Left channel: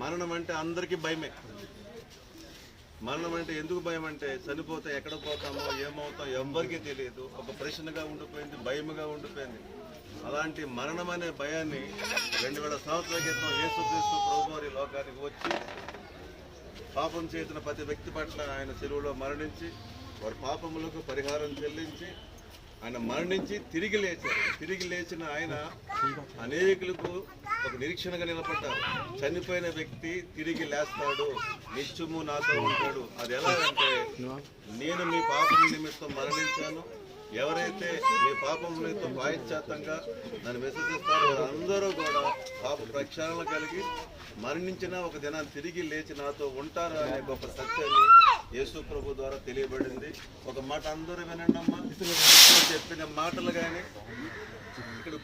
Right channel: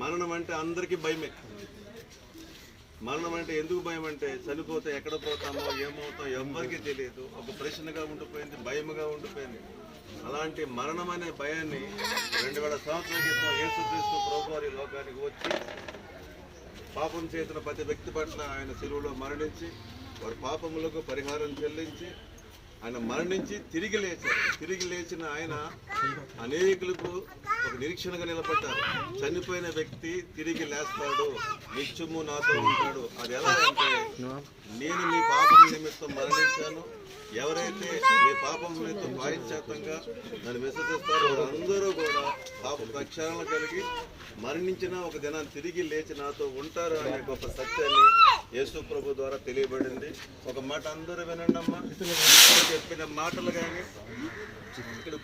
మరణం అంటే అందరికీ భయమే. మరణం అంటే ఎందుకు భయం అంటే చనిపోతే ఎక్కడ పోతామో ఏమవుతామో ఎవ్వరికీ తెలియదు. ఒక ప్రశ్నగా ఉండిపోయింది, భయముగా ఉండిపోయింది. అలాంటి మరణం అనే భయాన్ని 2000 సంవత్సరాల క్రితం యేసుక్రీస్తు ప్రభు వారి లోకానికి వచ్చి పాపం చేసిన ప్రతి వ్యక్తి పట్ల ఆయన శిలువలో మరణించి వారి పాపములకు పరిహారం చెల్లించి ఆయన మరణించి తిరిగి లేచారు. తిరిగి లేచిన ఆయన అనేకులకు ఒక నిరీక్షణగా నిలబడ్డారు. చనిపోయిన వ్యక్తి తిరిగి లేస్తాడు, నిత్యము నాతో ఉంటాడు. అది ఎలా అంటే, నేను మీ పాపం నిమిత్తం మరణించాను, ఎవరైతే మీ పాపములతో ప్రాయశ్చిత్తంగా నన్ను విశ్వసిస్తారో వారందరూ కూడా పాప ప్రక్షాళన కలిగి మరణించిన ఒక దినాన్ని తిరిగి లేచి నాతో ఉంటారు అనే గొప్ప సత్యాన్ని యేసు ప్రభు ద్వారా తెలియబడింది. ఒక మాట అందరూ వినండి అమ్మా. చెప్పిన మాటలు కానీ ఇక్కడ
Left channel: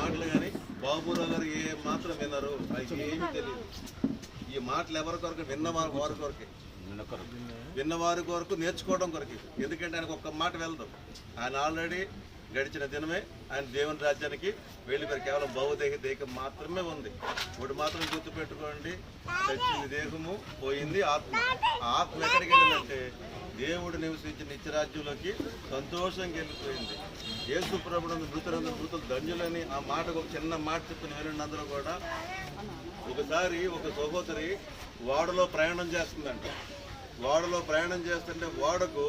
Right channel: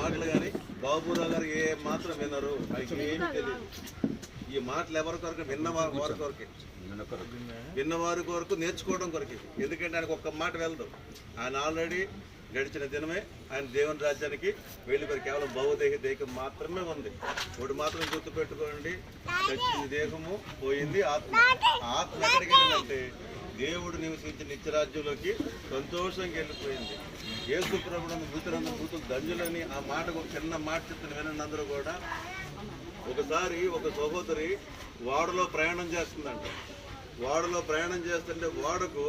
మాటలు కానీ బాబురావు గారు ఏ మాత్రం విన్నారు, ఆయనకి ఏమీ తెలియదు. ఈ మాటలు ఎవరి కొరకు? విన్నవారి కొరకే, విన్నవారి కొరకు, నేర్చుకోవడం కొరకు. ఎందుకంటే ఆయనకు ఒక్క మాట వెళ్దాం. ఆయన ఆల్రెడీ గడిచిన దినమే ఆయన దేవుని రాజ్యానికి వెళ్ళిపోయి కేవలం భౌదేహ దేహం మాత్రమే ఉంది. ఇప్పుడు మాత్రం గుర్తుపెట్టుకోండి, చచ్చింది దేహము, పోయింది ఆత్మ. ఆత్మ ఎక్కడికి వెళ్ళిందంటే దేవుడు నివసించిన నిత్యరాజ్యంలోకి సంతోషంగా వెళ్ళిపోయింది. యేసు ప్రభువును మృతులు ధన్యులని ఆ మాటకు ఒక చిన్న మాట చెప్తున్న వినండి అందరూ కూడా. ఒకసారి ఒక సహోదరి ఓడలో ప్రయాణం చేస్తుందంట. ఓడలో ప్రయాణం చేస్తుంటే ఓడకు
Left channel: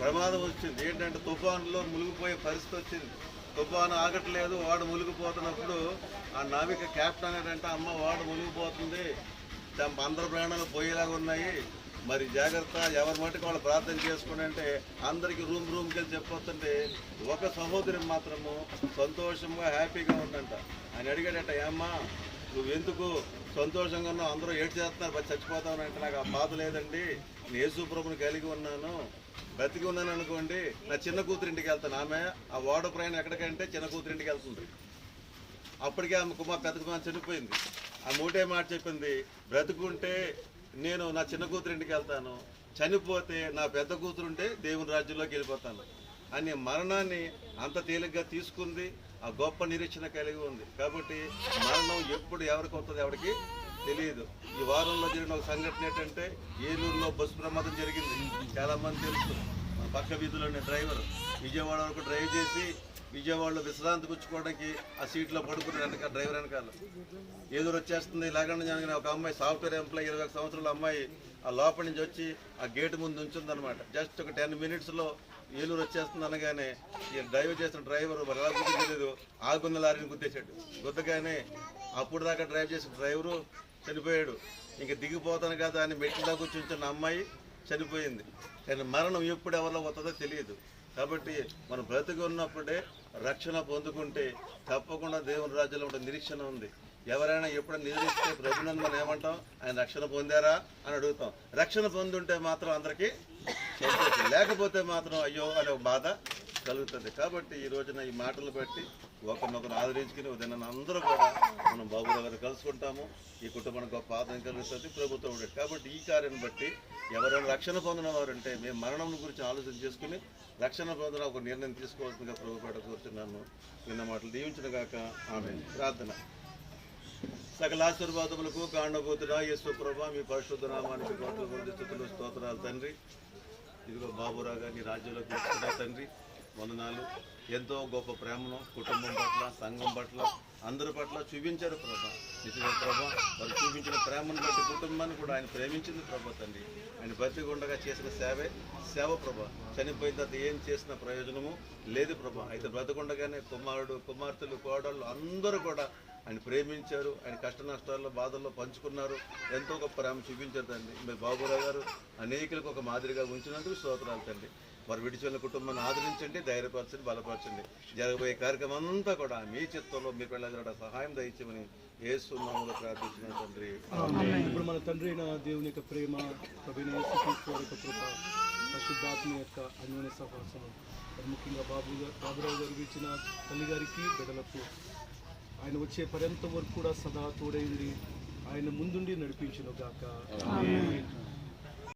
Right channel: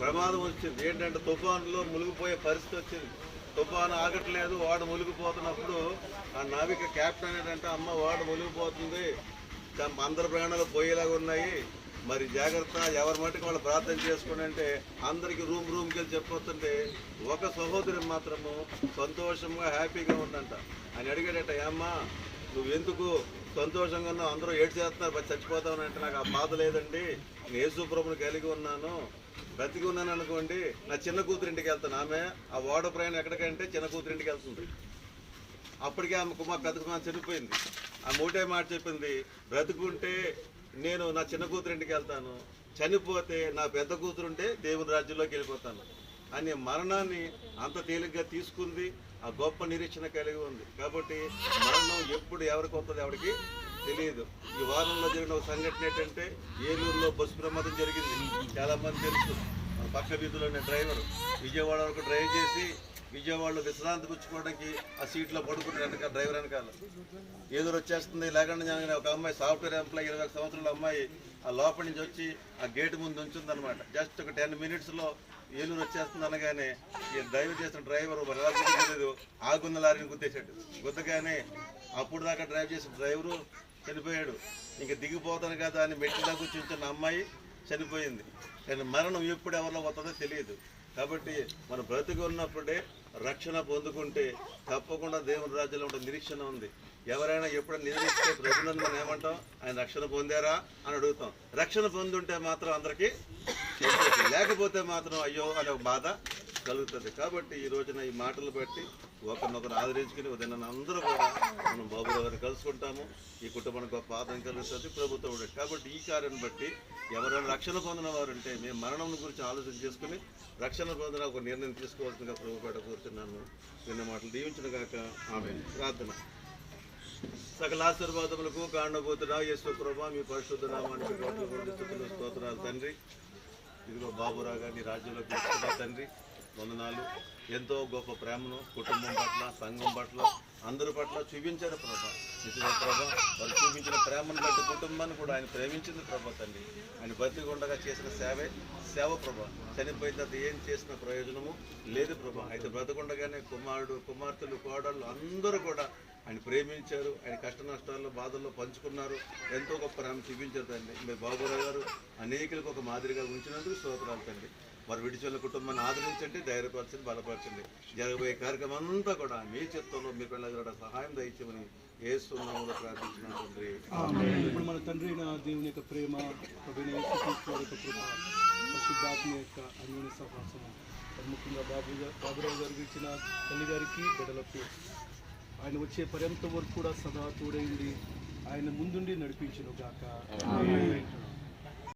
ప్రమాదం వచ్చింది. ఏంటంటే తుఫానులో మునిగిపోయే పరిస్థితి వచ్చింది. తుఫాను ఆగట్లేదు, ఓడ మునిగిపోతున్నప్పుడు ఆ నావిక క్యాప్టెన్ ఏంటంటే, అమ్మ ఓడ మునిగిపోతుంది, అందరి ప్రాణాలు పోయేలాగా ఉన్నాయి, మరి జాగ్రత్త, ఎవరి మట్టుకు వాళ్ళు ప్రార్థన చేసుకోండి అంటే అందరికీ రూమ్కి వెళ్ళి చెప్పొస్తుంటే ఒక సహోదరి మాత్రము సంతోషంగా హ్యాపీగా ఉందంట. ఆయన అడిగాడట, ఏమ్మా నువ్వు ఎందుకు సంతోషంగా ఉన్నావు, అందరూ ఏడు చేస్తున్నారు, చచ్చిపోతావు అంటే, నాకు ఆ బాధ లేదండి, నేను యేసు ప్రభువుని కలిగి ఉన్నాను, బ్రతికి ఉన్నాను అనుకోండి, నా చిన్న కూతురింటికి వెళ్తాను. ఆమె ఆ ఓడ ప్రయాణం ఎక్కడికంటే చిన్న కూతురింటికి వెళ్తుంది. అప్పటికే ఆమె పెద్ద కుమార్ చనిపోయింది. ఆ మూటే మాట చెప్పింది, బ్రతుకుంటే నేను నా చిన్న కూతురింటికి వెళ్తాను, చనిపోతే నా పెద్ద కూతురుంటే దేవుని రాజ్యంలోకి వెళ్ళిపోతాను అని మరణాన్ని అంత తేలిగ్గా తీసుకుంది. ఆ గొప్ప నిరీక్షణ కలిగి ఉంది. కాబట్టి మరణం ఎప్పుడు ఎవరికి వస్తుంది ఎవరికి తెలియదు. ఈ వారంలో జరిగిన ఒక సంఘటన ఏంటంటే, ఏలూరులో బస్సు ప్రమాదం జరిగింది. చాలా మంది తెలుసు. మన పక్క వీధిలోనే డ్రైవర్ విజయవాడ వరకు డ్రైవ్ చేసి విజయవాడలో విశ్రాంతి పుచ్చుకోవడానికి ఆ సీట్లో పడుకున్న వెనకాల డ్రైవర్ వెనకాల ఎదురు వచ్చేస్తుంది. లేకుండా జరగని ఒక అమ్మాయి, సాఫ్ట్వేర్ ఎంప్లాయ్, 21 సంవత్సరాల అమ్మాయి ఆ లోపల నుంచి వచ్చి ఆ గేటు ముందు ఉంచుందనమాట. జస్ట్ ఒక 10 మినిట్స్లో ఏలూరు వచ్చేస్తుంది అనగానే ఈ డ్రైవర్ చేసిన డ్రైవర్ ఎలా గుర్తించలేదు, ఆగున్న లారీని గుద్దేశాడు. గుద్దగానే అప్పుడు దాకా డ్రైవ్ చేసిన డ్రైవరు చనిపోయాడు. ఇంకా దిగిపోతాను కదా అని మెట్ల దాకా కూర్చుంటున్న అమ్మాయి చనిపోయింది. కానీ మరణం ఎప్పుడు ఎవరిలో వస్తుందో తెలియదు. కాబట్టి మనం బ్రతికి ఉన్నప్పుడే రక్షణ పొందుకుంటే తప్పకుండా దేవుని రాజ్యంలో ఉండే నిరీక్షణ ఉంది. ఎవరైనా ఎప్పుడైనా నిరీక్షిస్తే ప్రభునందు మనం ఏమంటాం, ఆయన రక్షణ పొందారా అని అడుగుతాం. రక్షణ పొందుంటే మాత్రం అందరికీ సంతోషం, లేకపోతే మాత్రం అయ్యో అనే ఒక బాధ కలుగుతుంది. కాబట్టి ఈ రోజున ఈ మాటలు బట్టి ఒకరినొకరు ఆదరించుకుని ఉదయం అందరూ కూడా మనం బాబురావు గారిని కలుసుకుంటాము. ఈ కుటుంబానికి గొప్ప ఆదరణ కలుగుతుంది ప్రభుత్వం. కాబట్టి ఈ కార్యాన్ని బట్టి ఎవరైనా రక్షణ పొందిన వారు ఉంటే మేము మరణం గురించి ఆలోచన చేసుకుని రక్షణ పొందిన ఒక నిర్ణయం తీసుకోవాల్సిందిగా ప్రభుపేట కూర్చున్నాను. విన్న మాటలు దీవించిన గాక ఆమేన్. ప్రార్థన. సకల ఆశీర్వాదములకు కాండభూతుడా యేసు ప్రభువా, మీ పరిశుద్ధ నామానికి కోట్ల కొద్ది స్తుతులు స్తోత్రాలు తండ్రి. ఇదిగో బాబురావు గారిని రాజ్యంలో తీసుకున్నా తండ్రి, వందనాలు. ఎంతో గొప్ప ప్రేమను కుటుంబం పట్ల, సంఘం పట్ల, అందరి పట్ల చూపించారు ప్రభా. నిజంగా ప్రభా, వారు చూపించిన ప్రేమను బట్టి కుటుంబాన్ని కూడా ఆయన ప్రేమించింది ప్రభా తండ్రి. ఆయన బతికుండగా చేసిన సేవ ప్రభా. చనిపోయిన తర్వాత ఏం చేసిన ప్రయోజనము లేదు ప్రభా. అయితే బ్రతకుండగానే కుమార్తెలు, కోడళ్ళు అందరూ కూడా ఆయన ప్రేమించారు. ఆయన కష్ట నష్టాల్లో, బాధల్లో పంచుకున్నారు. ఎంతో గొప్ప ప్రేమ చూపించారు తండ్రి. మీరు బాబురావు గారు అనేకులకు ఒక మాదిరిగా ఉంచినందుకు స్తోత్రాలు తండ్రి. వారు విడిచిన కుటుంబాన్ని ఆదరించండి, ధైర్యపరచండి, బలపరచండి. జరగబోయే కార్యక్రమం అంతా కూడా మీ చిత్తంలో మీకు వెళ్ళగలడ సహాయం దయచేయమని యేసు నామములో ప్రార్థించిన తండ్రి. ఇప్పుడు మన తండ్రి అయిన దేవుని యొక్క ప్రేమ, ప్రభువైన యేసుక్రీస్తు వారి యొక్క కృప, పరిశుద్ధాత్మ యొక్క అన్యోన్య సహవాసం, ముఖ్యంగా బాబురావు గారికి ఇచ్చిన తల్లి గారికి, బిడ్డలకు ఆయన వచ్చే పర్యంతం వరకు కూడా సదా తోడైంది ఆయన ముందుండి నడిపించును గాక.